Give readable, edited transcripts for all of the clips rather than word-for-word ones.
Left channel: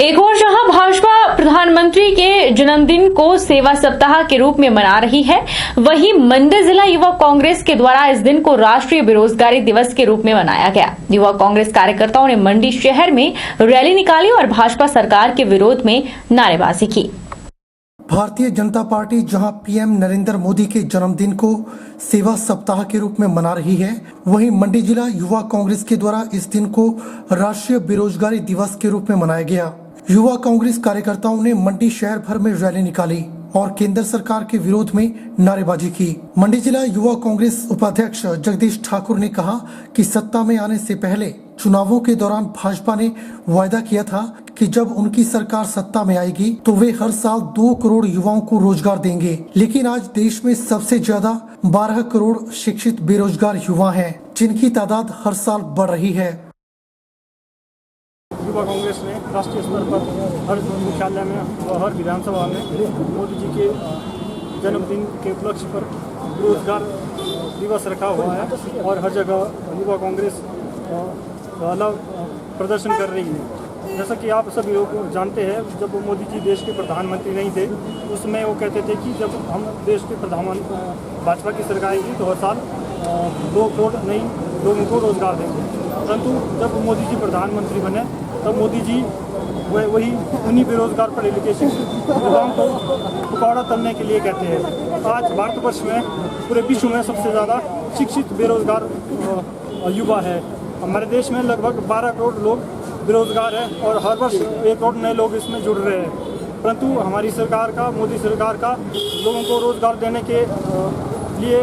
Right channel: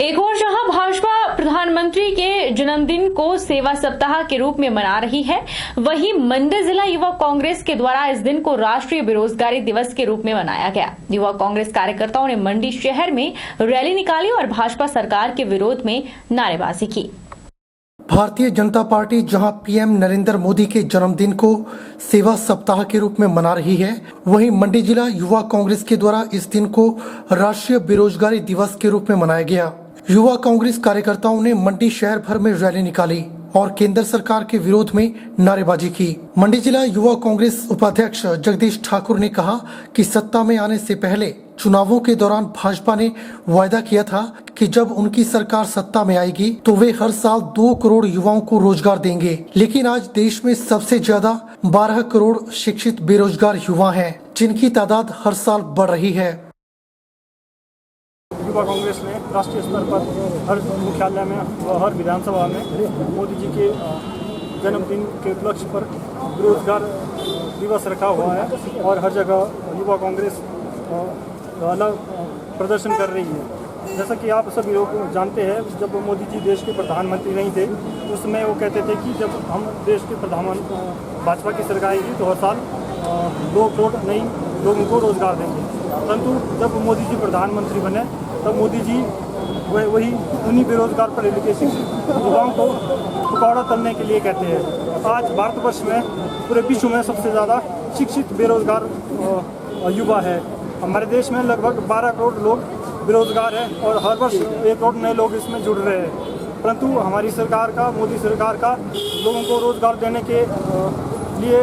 एक और जहां भाजपा प्रधानमंत्री के जन्मदिन को सेवा सप्ताह के रूप में मना रही है, वहीं मंडी जिला युवा कांग्रेस के द्वारा इस दिन को राष्ट्रीय बेरोजगारी दिवस के रूप में मनाया गया। युवा कांग्रेस कार्यकर्ताओं ने मंडी शहर में रैली निकाली और भाजपा सरकार के विरोध में नारेबाजी की। भारतीय जनता पार्टी जहां पीएम नरेंद्र मोदी के जन्मदिन को सेवा सप्ताह के रूप में मना रही है, वहीं मंडी जिला युवा कांग्रेस के द्वारा इस दिन को राष्ट्रीय बेरोजगारी दिवस के रूप में मनाया गया। युवा कांग्रेस कार्यकर्ताओं ने मंडी शहर भर में रैली निकाली और केंद्र सरकार के विरोध में नारेबाजी की। मंडी जिला युवा कांग्रेस उपाध्यक्ष जगदीश ठाकुर ने कहा कि सत्ता में आने से पहले चुनावों के दौरान भाजपा ने वायदा किया था कि जब उनकी सरकार सत्ता में आएगी तो वे हर साल 2 करोड़ युवाओं को रोजगार देंगे, लेकिन आज देश में सबसे ज्यादा 12 करोड़ शिक्षित बेरोजगार युवा हैं, जिनकी तादाद हर साल बढ़ रही है। युवा कांग्रेस ने राष्ट्रीय स्तर पर हर मुख्यालय में व हर विधानसभा में मोदी जी के जन्मदिन के उपलक्ष्य पर बेरोजगार दिवस रखा हुआ है और हर जगह युवा कांग्रेस अलग प्रदर्शन कर रही है। जैसा कि आप सभी लोग जानते हैं, जब मोदी जी देश के प्रधानमंत्री नहीं थे उस समय वो कहते थे कि जब हम देश के प्रधानमंत्री भाजपा की सरकार आएगी तो हर साल 2 करोड़ नई लोगों को रोजगार देंगे। परंतु जब मोदी जी प्रधानमंत्री बने तब मोदी जी वही उन्हीं बेरोजगार पढ़े लिखे शिक्षित युवाओं को पकौड़ा तलने के लिए कहते हैं। आज भारतवर्ष में पूरे विश्व में सबसे ज़्यादा शिक्षित बेरोजगार युवा है। हमारे देश में लगभग 12 करोड़ लोग बेरोजगार हैं और हर वर्ष 1 करोड़ नए लोग इसमें जुड़ रहे हैं। परंतु हमारी सरकार का, मोदी सरकार का लोगों को रोजगार देने के लिए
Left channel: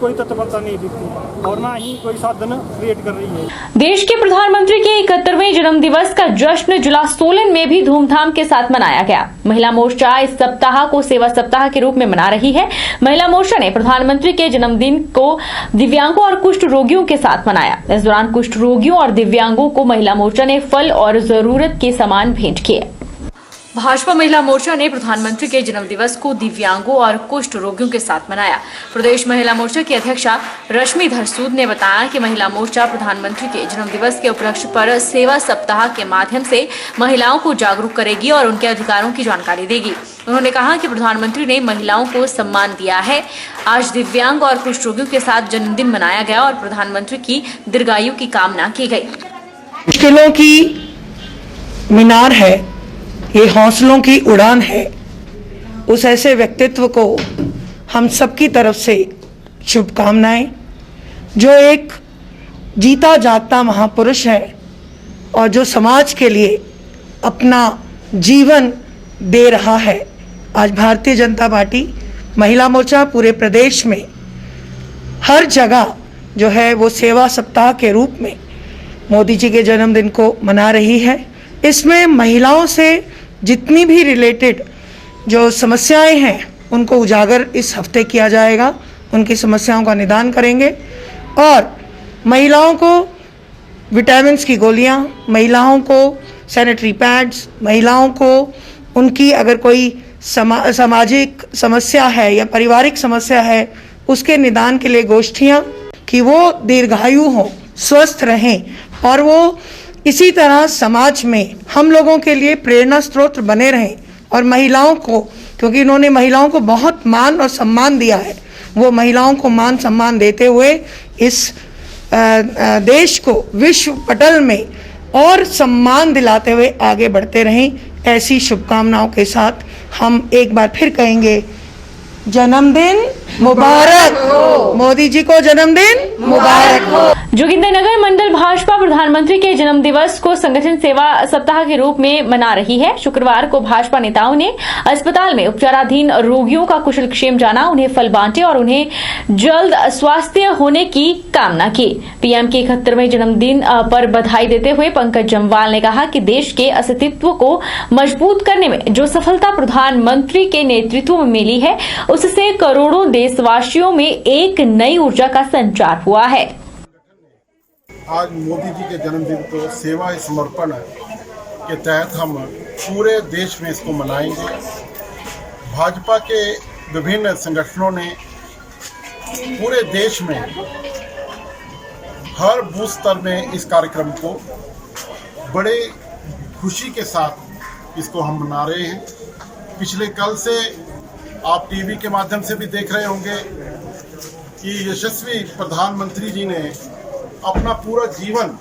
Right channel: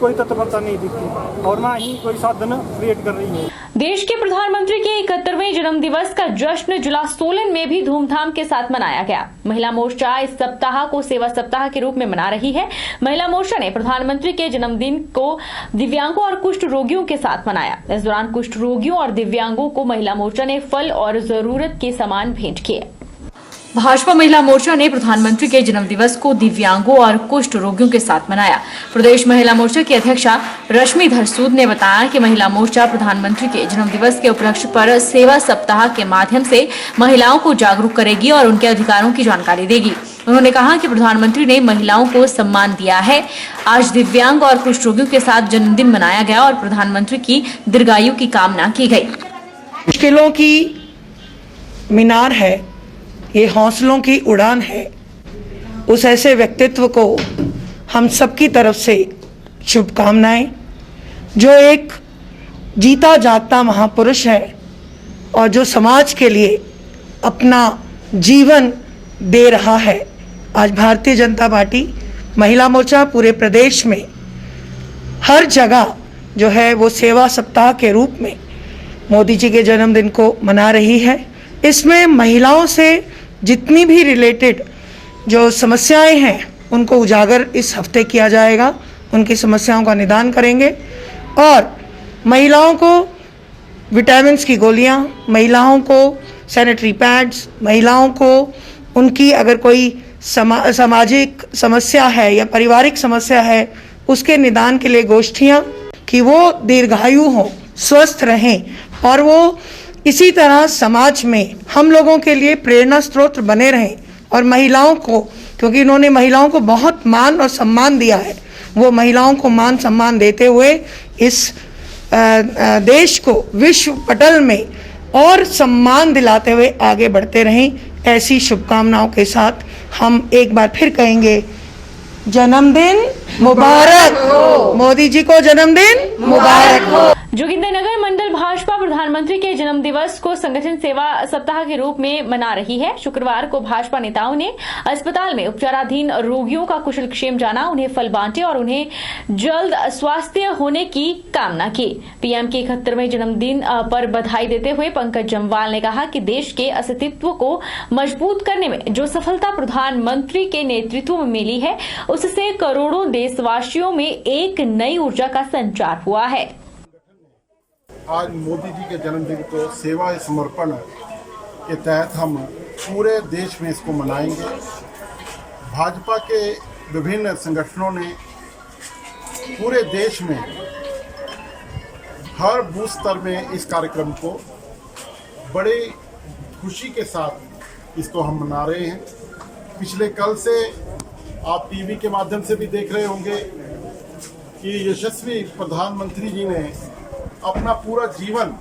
कोई तत्परता नहीं दिखती और ना ही कोई साधन क्रिएट कर रही है। देश के प्रधानमंत्री के 71वें जन्म दिवस का जश्न जिला सोलन में भी धूमधाम के साथ मनाया गया। महिला मोर्चा इस सप्ताह को सेवा सप्ताह के रूप में मना रही है। महिला मोर्चा ने प्रधानमंत्री के जन्मदिन को दिव्यांगों और कुष्ठ रोगियों के साथ मनाया। इस दौरान कुष्ठ रोगियों और दिव्यांगों को महिला मोर्चा ने फल और जरूरत के सामान भेंट किए। भाजपा महिला मोर्चा ने प्रधानमंत्री के जन्मदिवस को दिव्यांगों और कुष्ठ रोगियों के साथ मनाया। प्रदेश महिला मोर्चा की अध्यक्षा रश्मिधर सूद ने बताया कि महिला मोर्चा प्रधानमंत्री के जन्मदिवस के उपलक्ष्य पर सेवा सप्ताह के माध्यम से महिलाओं को जागरूक करेगी और उनके अधिकारों की जानकारी देगी। उन्होंने कहा कि प्रधानमंत्री ने महिलाओं को सम्मान दिया है। आज दिव्यांग और कुष्ठ रोगियों के साथ जन्मदिन मनाया गया और प्रधानमंत्री की दीर्घायु की कामना की गई। मुश्किलों की मीनार है, ये हौसलों की उड़ान है। उस ऐसे व्यक्तित्व को हम सबकी तरफ से शुभकामनाएं, जो एक जीता जागता महापुरुष है और जो समाज के लिए अपना जीवन दे रहा है। आज भारतीय जनता पार्टी महिला मोर्चा पूरे प्रदेश में हर जगह जो है वो सेवा सप्ताह के रूप में मोदी जी के जन्मदिन को मना रही है। इसमें महिलाओं से जितनी भी रिलेटेड जो समस्याएं हैं उनको उजागर इस हफ्ते किया जाएगा। उनकी समस्याओं का निदान करेंगे और महिलाओं को विटामिन्स की गोलियां, महिलाओं को सैनिटरी पैड्स, महिलाओं को उनकी अगर कोई सामाजिक समस्या है या पारिवारिक समस्या है उसके निदान के लिए गोष्ठियां, कि वो दीर्घायु हों, स्वस्थ रहें और वो इसी तरह समाज में हम लोगों के लिए प्रेरणा स्रोत बने रहें। और महिलाओं को, क्योंकि इन्होंने महिलाओं को बहुत मान और सम्मान दिया है, वो महिलाओं को मान सम्मान देते हुए इस देश को विश्व पटल में और सम्मान दिलाते हुए आगे बढ़ते रहें। ऐसी शुभकामनाओं के साथ हम एक बार फिर कहेंगे, जन्मदिन मुबारक हो, मोदी जी को जन्मदिन मुबारक हो। जोगिंदरनगर मंडल भाजपा प्रधानमंत्री के जन्म दिवस को संगठन सेवा सप्ताह के रूप में मना रही है। शुक्रवार को भाजपा नेताओं ने अस्पताल में उपचाराधीन रोगियों का कुशल क्षेम जाना, उन्हें फल बांटे और उन्हें जल्द स्वास्थ्य होने की कामना की। पीएम के 71वें जन्मदिन पर बधाई देते हुए पंकज जम्वाल ने कहा कि देश के अस्तित्व को मजबूत करने में जो सफलता प्रधानमंत्री के नेतृत्व में मिली है, उससे करोड़ों देशवासियों में एक नई ऊर्जा का संचार हुआ है। आज मोदी जी के जन्मदिन को सेवा समर्पण के तहत हम पूरे देश में इसको मनाएंगे। भाजपा के विभिन्न संगठनों ने पूरे देश में हर बूथ स्तर में इस कार्यक्रम को बड़े खुशी के साथ इसको हम मना रहे हैं। पिछले कल से आप टीवी के माध्यम से भी देख रहे होंगे कि यशस्वी प्रधानमंत्री जी ने अपना पूरा जीवन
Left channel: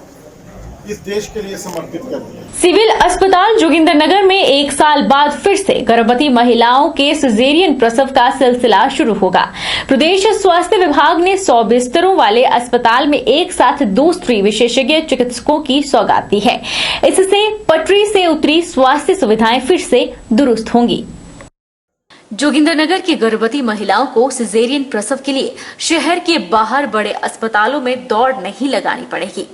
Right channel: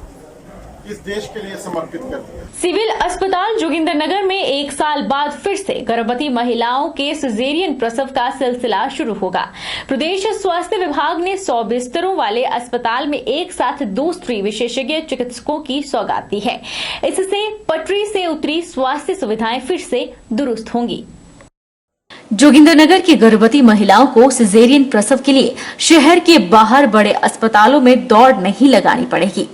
इस देश के लिए समर्पित कर दिया। सिविल अस्पताल जोगिंदरनगर में 1 साल बाद फिर से गर्भवती महिलाओं के सिजेरियन प्रसव का सिलसिला शुरू होगा। प्रदेश स्वास्थ्य विभाग ने 100 बिस्तरों वाले अस्पताल में एक साथ 2 स्त्री विशेषज्ञ चिकित्सकों की सौगात दी है। इससे पटरी से उतरी स्वास्थ्य सुविधाएं फिर से दुरुस्त होंगी। जोगिंदरनगर की गर्भवती महिलाओं को सिजेरियन प्रसव के लिए शहर के बाहर बड़े अस्पतालों में दौड़ नहीं लगानी पड़ेगी।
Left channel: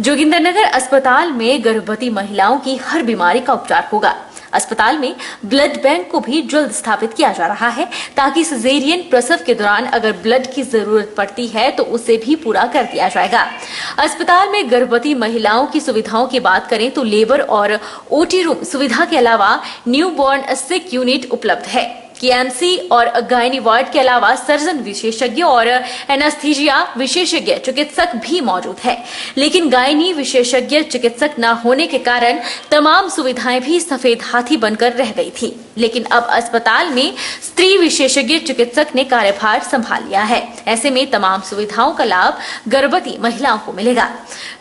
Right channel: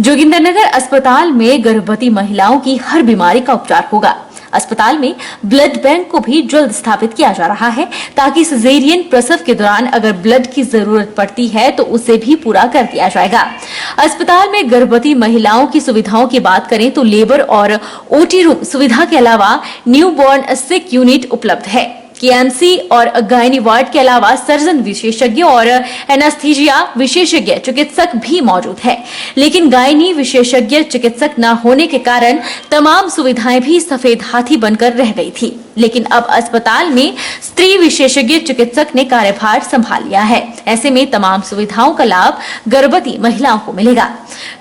जोगिंदरनगर अस्पताल में गर्भवती महिलाओं की हर बीमारी का उपचार होगा। अस्पताल में ब्लड बैंक को भी जल्द स्थापित किया जा रहा है ताकि सिजेरियन प्रसव के दौरान अगर ब्लड की जरूरत पड़ती है तो उसे भी पूरा कर दिया जाएगा। अस्पताल में गर्भवती महिलाओं की सुविधाओं की बात करें तो लेबर और ओटी रूम सुविधा के अलावा न्यूबॉर्न सिक यूनिट उपलब्ध है। केएमसी और गायनी वार्ड के अलावा सर्जन विशेषज्ञ और एनास्थीजिया विशेषज्ञ चिकित्सक भी मौजूद है, लेकिन गायनी विशेषज्ञ चिकित्सक न होने के कारण तमाम सुविधाएं भी सफेद हाथी बनकर रह गई थी। लेकिन अब अस्पताल में स्त्री विशेषज्ञ चिकित्सक ने कार्यभार संभाल लिया है। ऐसे में तमाम सुविधाओं का लाभ गर्भवती महिलाओं को मिलेगा।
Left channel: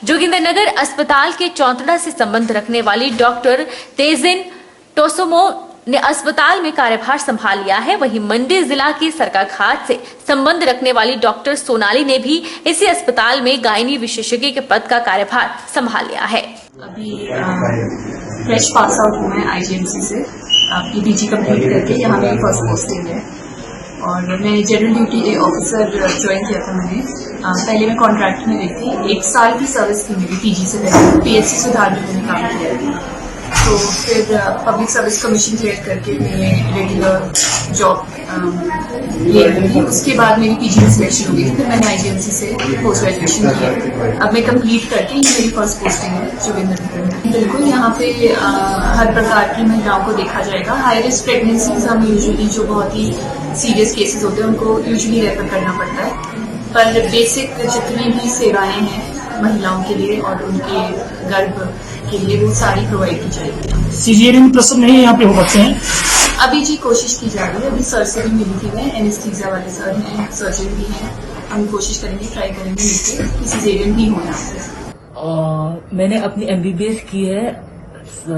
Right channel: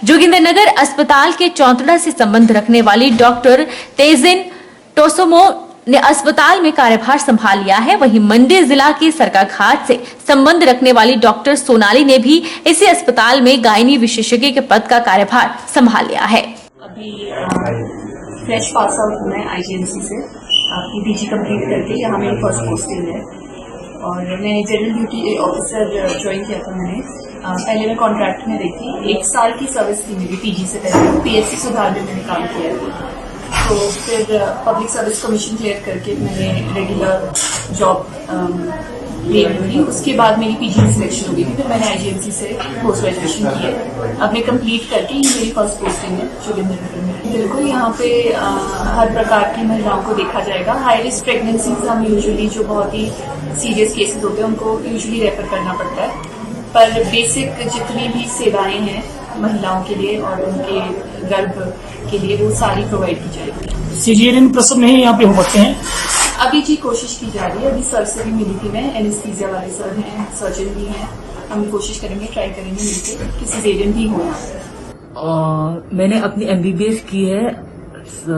जोगिंदरनगर अस्पताल के चौंतड़ा से संबंध रखने वाली डॉक्टर तेजिन टोसोमो ने अस्पताल में कार्यभार संभाल लिया है। वहीं मंडी जिला के सरकाघाट से संबंध रखने वाली डॉक्टर सोनाली ने भी इसी अस्पताल में गायनी विशेषज्ञ के पद का कार्यभार संभाल लिया है। अभी फ्रेश पास आउट हूँ मैं आईजीएमसी से, अपनी पीजी कंप्लीट करके यहाँ मेरी फर्स्ट पोस्टिंग है और मैं जनरल ड्यूटी ऑफिसर ज्वाइन किया था मैंने। पहले मैं कॉन्ट्रैक्ट में रही थी, 1 साल की सर्विस थी मेरी पीजी से पहले। पीएचसी सुधार में मैंने काम किया था, तो फिर पब्लिक सर्विस कमीशन क्लियर करके मैंने रेगुलर जॉब ले ली। उसके बाद मेरी पीजी में सिलेक्शन हो गई थी, फिर मैंने आईजीएमसी से पोस्ट ग्रेजुएशन किया। अब मैं कंप्लीट करके ये मेरी फर्स्ट पोस्टिंग है जोगिंदरनगर में। बिल्कुल यहाँ पे हर प्रकार की महिलाओं को देखा जाएगा। हाई रिस्क प्रेगनेंसीज हम यूजुअली जो बहुत ही सीरियस केसेस होते हैं उनको यूजुअली रेफर करना पड़ता है, पर बेसिक जितनी भी सेवाएं हैं महिलाओं के लिए और उनके गर्भ के लिए वो सारी प्रोवाइड की जाएगी। सिजेरियन प्रसव नहीं यहाँ पे हो सकते हैं? अभी जी कोशिश की जा रही है। अभी सर से भी मिली थी मैं, एनेस्थीसिया वाले सर हैं, सर्जन भी हैं। हम कोशिश करेंगे, ट्राई करेंगे मिलकर कि सिजेरियन भी हो यहाँ पे। मैंने अपनी एमबीबीएस की है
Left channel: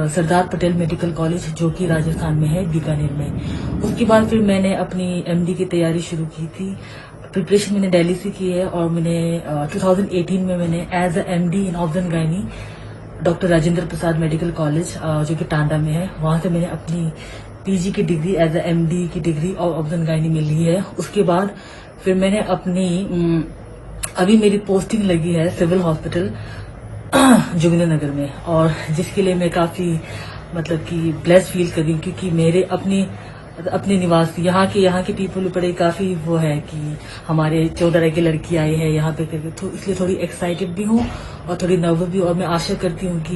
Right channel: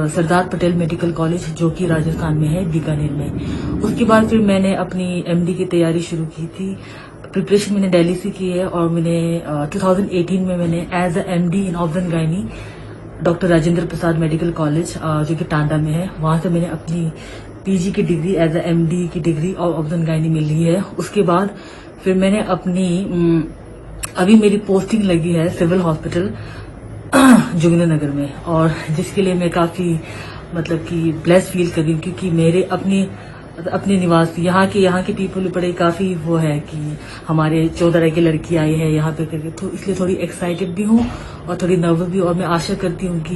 सरदार पटेल मेडिकल कॉलेज जो कि राजस्थान में है, बीकानेर में। उसके बाद फिर मैंने अपनी एमडी की तैयारी शुरू की थी। प्रिपरेशन मैंने दिल्ली से की है और मैंने 2018 में मैंने as a MD in obs and gynae doctor Rajendra Prasad medical college जो कि टांडा में है, वहां से मैंने अपनी पीजी की डिग्री एज ए एमडी की डिग्री और ऑब्जन गायनी में ली है। उसके बाद फिर मैंने अपनी अभी मेरी पोस्टिंग लगी है सिविल हॉस्पिटल जोगिंदरनगर में, और जिसके लिए मैं काफी मतलब कि ब्लेस्ड फील कर रही हूँ क्योंकि मेरे अपने निवासी यहाँ के पीपल बड़े काफी वो है कि हमारे 14 की लड़की आई है यहाँ पे करके, तो इसलिए थोड़ी एक्साइटेड भी हूँ और थोड़ी नर्वस भी हूँ। और मैं आशा करती हूँ कि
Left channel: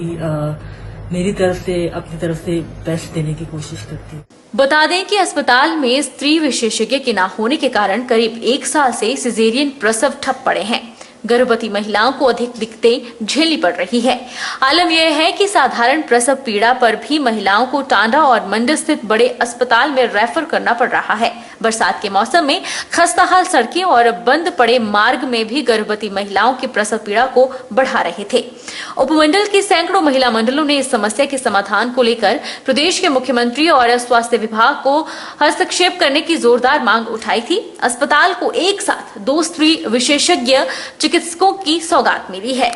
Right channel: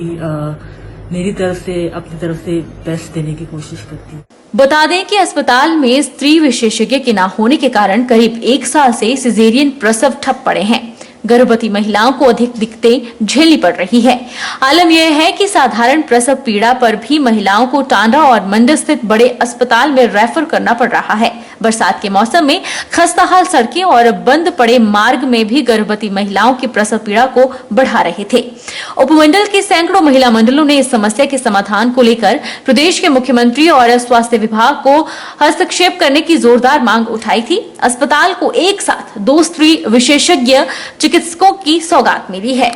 मेरी तरफ से अपनी तरफ से बेस्ट देने की कोशिश करती हूँ। बता दें कि अस्पताल में स्त्री विशेषज्ञ के न होने के कारण करीब 1 साल से सिजेरियन प्रसव ठप पड़े हैं। गर्भवती महिलाओं को अधिक दिक्कतें झेलनी पड़ रही है। आलम यह है कि साधारण प्रसव पीड़ा पर भी महिलाओं को टांडा और मंडी स्थित बड़े अस्पताल में रेफर करना पड़ रहा है। बरसात के मौसम में खस्ताहाल सड़कें और बंद पड़े मार्ग में भी गर्भवती महिलाओं की प्रसव पीड़ा को बढ़ा रहे थे। उपमंडल के सैकड़ों महिला मंडलों ने इस समस्या के समाधान को लेकर प्रदेश के मुख्यमंत्री और स्वास्थ्य विभाग को हस्तक्षेप करने की जोरदार मांग उठाई थी। अस्पताल को एक साथ 2 स्त्री विशेषज्ञ चिकित्सकों की सौगात मिली है।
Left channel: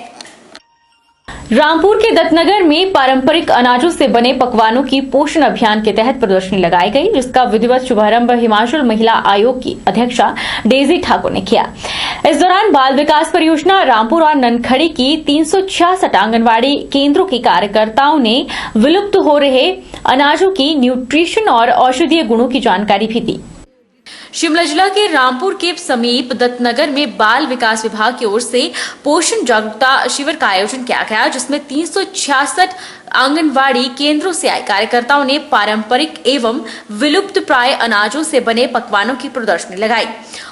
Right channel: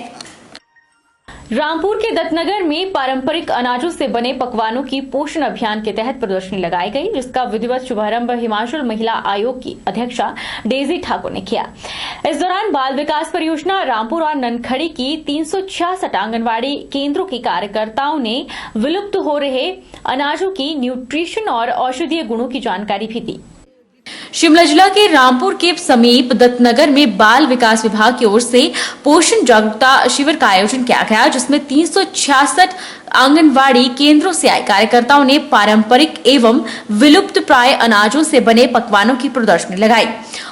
रामपुर के दत्तनगर में पारंपरिक अनाजों से बने पकवानों की पोषण अभियान के तहत प्रदर्शनी लगाई गई, जिसका विधिवत शुभारंभ हिमाचल महिला आयोग की अध्यक्षा डेजी ठाकुर ने किया। इस दौरान बाल विकास परियोजना रामपुर और ननखड़ी की 366 आंगनबाड़ी केंद्रों के कार्यकर्ताओं ने विलुप्त हो रहे अनाजों की न्यूट्रिशन और औषधीय गुणों की जानकारी भी दी। शिमला जिला के रामपुर के समीप दत्तनगर में बाल विकास विभाग की ओर से पोषण जागरूकता शिविर का आयोजन किया गया, जिसमें 366 आंगनवाड़ी केंद्रों से आए कार्यकर्ताओं ने पारंपरिक एवं विलुप्त प्राय अनाजों से बने पकवानों की प्रदर्शनी लगाई।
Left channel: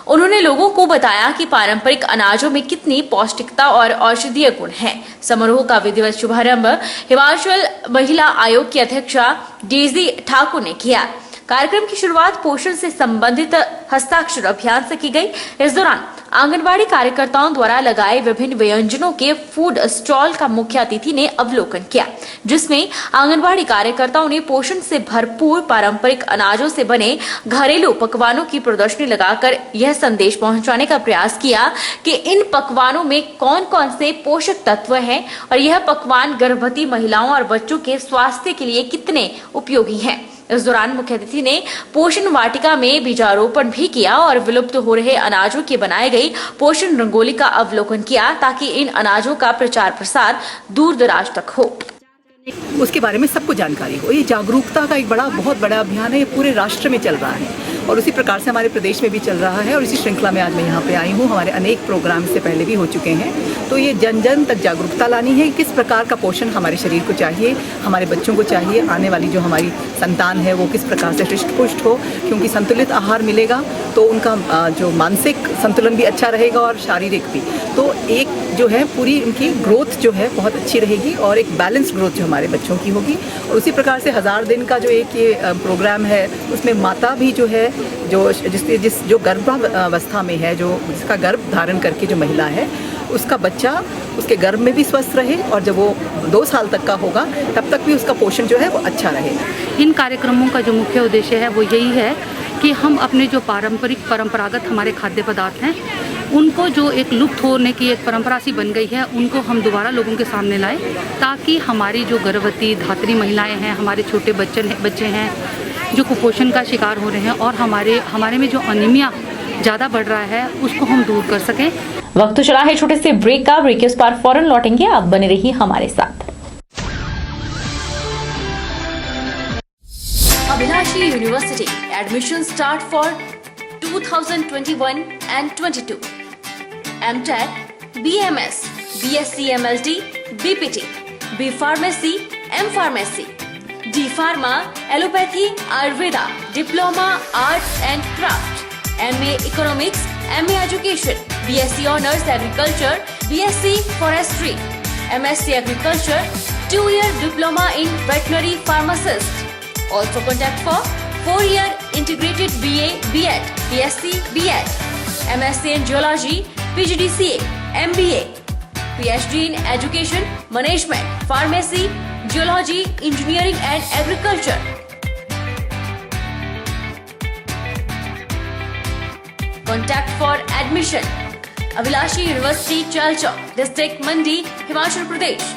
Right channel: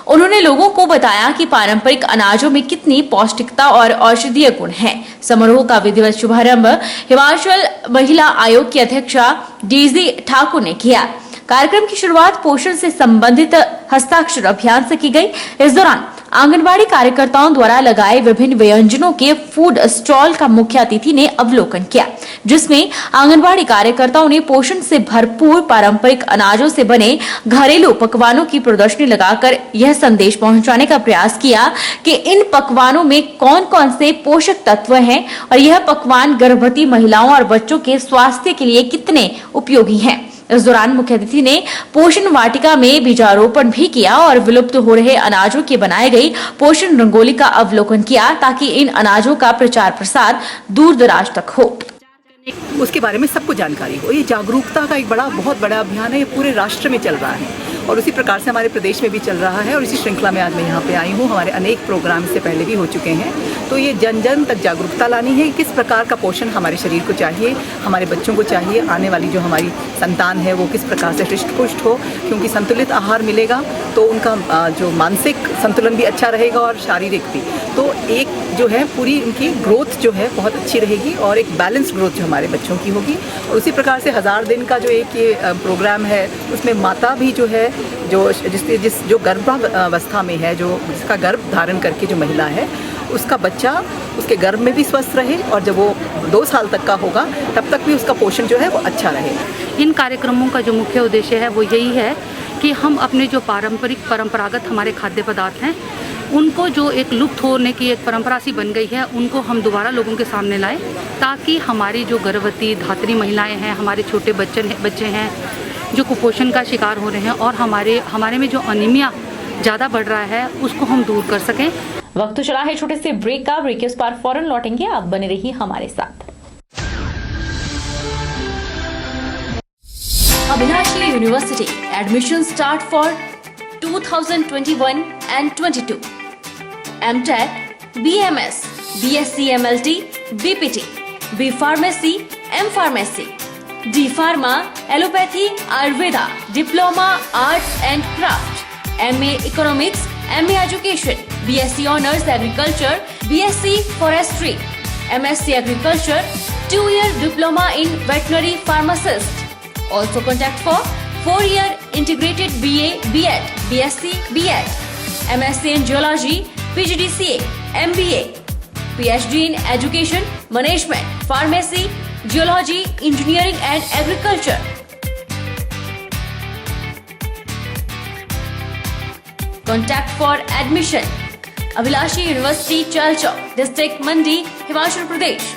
उन्होंने लोगों को बताया कि पारंपरिक अनाजों में कितनी पौष्टिकता और औषधीय गुण हैं। समारोह का विधिवत शुभारंभ हिमाचल महिला आयोग की अध्यक्षा डेजी ठाकुर ने किया। कार्यक्रम की शुरुआत पोषण से संबंधित हस्ताक्षर अभियान से की गई। इस दौरान आंगनबाड़ी कार्यकर्ताओं द्वारा लगाए विभिन्न व्यंजनों के फूड स्टॉल का मुख्य अतिथि ने अवलोकन किया, जिसमें आंगनबाड़ी कार्यकर्ताओं ने पोषण से भरपूर पारंपरिक अनाजों से बने घरेलू पकवानों की प्रदर्शनी लगाकर यह संदेश पहुंचाने का प्रयास किया कि इन पकवानों में कौन कौन से पोषक तत्व हैं और यह पकवान गर्भवती महिलाओं और बच्चों के स्वास्थ्य के लिए कितने उपयोगी हैं। इस दौरान मुख्य अतिथि ने पोषण वाटिका में बीजारोपण भी किया और विलुप्त हो रहे अनाजों की बनाई गई पोषण रंगोली का अवलोकन किया, ताकि इन अनाजों का प्रचार प्रसार दूर दराज तक हो, उसके बारे में सबको जानकारी हो। ये जागरूकता का एक बहुत बड़ा अभियान है, ये पूरे राष्ट्र में चल रहा है और उसी प्रकार से हमारे प्रदेश में भी चल रहा है। और इसी श्रृंखला में आज मैं यहाँ पे आई हूँ। हमारे अनेक प्रोग्राम इससे पहले भी हो चुके हैं। तो ये जन जन तक जागरूकता लानी है, किस प्रकार का पोषण हमारे शरीर को चाहिए, हमारे बच्चों को चाहिए, आने वाली जो हमारी संतान है वो किस प्रकार से हृष्ट पुष्ट हो, क्योंकि संतुलित आहार मिलेगा तो उनका जो मानसिक संतुलन भी अच्छा रहेगा और शारीरिक भी। तो एक जो है पूरी उनकी ग्रोथ जो है बहुत अच्छी रहेगी और एक बैलेंस ग्रोथ जो हमारे बच्चों की होगी। और उसी प्रकार से 1000 दिन का जो एक ये प्रोग्राम है, उसमें माता भी जो है जो गर्भावस्था में है, जो जिसका गर्भ धारण करके जो महिला है, उसका बच्चा उसके गर्भ में भी स्वस्थ रहे और जब वो 2 साल तक का होगा तब तक भी उसका पोषण जो है वो अच्छा रहे। इन कार्यक्रमों का जो मुख्य उद्देश्य है वो यही है कि हम अपने जो परंपरागत हमारे खाद्य पदार्थ हैं, उनको जो एक लुप्त होने की एक परंपरा सी बन गई है, उनको हम दोबारा लोगों के सामने लाएं, ताकि हमारी जो गर्भवती धात्री महिलाएं हैं, हमारे छोटे बच्चे हैं जो कुपोषण का शिकार हो रहे हैं और हमारे में जो अनीमिया ज़्यादा बढ़ रहा है, उसको हम दूर कर सकें। वक्त चला है छोटे से ब्रेक का। ब्रेक के उस पार फौरन लौटेंगे, आप बने रहिए हमारे साथ। Abhilashi university admission start for 2021 and 22. MTech, BMS, BSc MLT, BPT, B Pharmacy, M Pharmacy, D Pharma, Allopathy, Ayurveda, Diploma, Arts and Craft, MA Economics, MA Education, BSc Honours Agriculture, BSc Forestry, MSc Agriculture, 2-year Diploma in Veterinary Pharmacist. Also contact for 4-year Integrated BA, BEd, BSc, BEd, MSc in Geology, PGDCA, MBA, PhD in Education, Management, Pharmacy, Geology, Engineering and Agriculture. Contact for admission. Abhilashi University, Chalchok, District Mandi, Himachal Pradesh.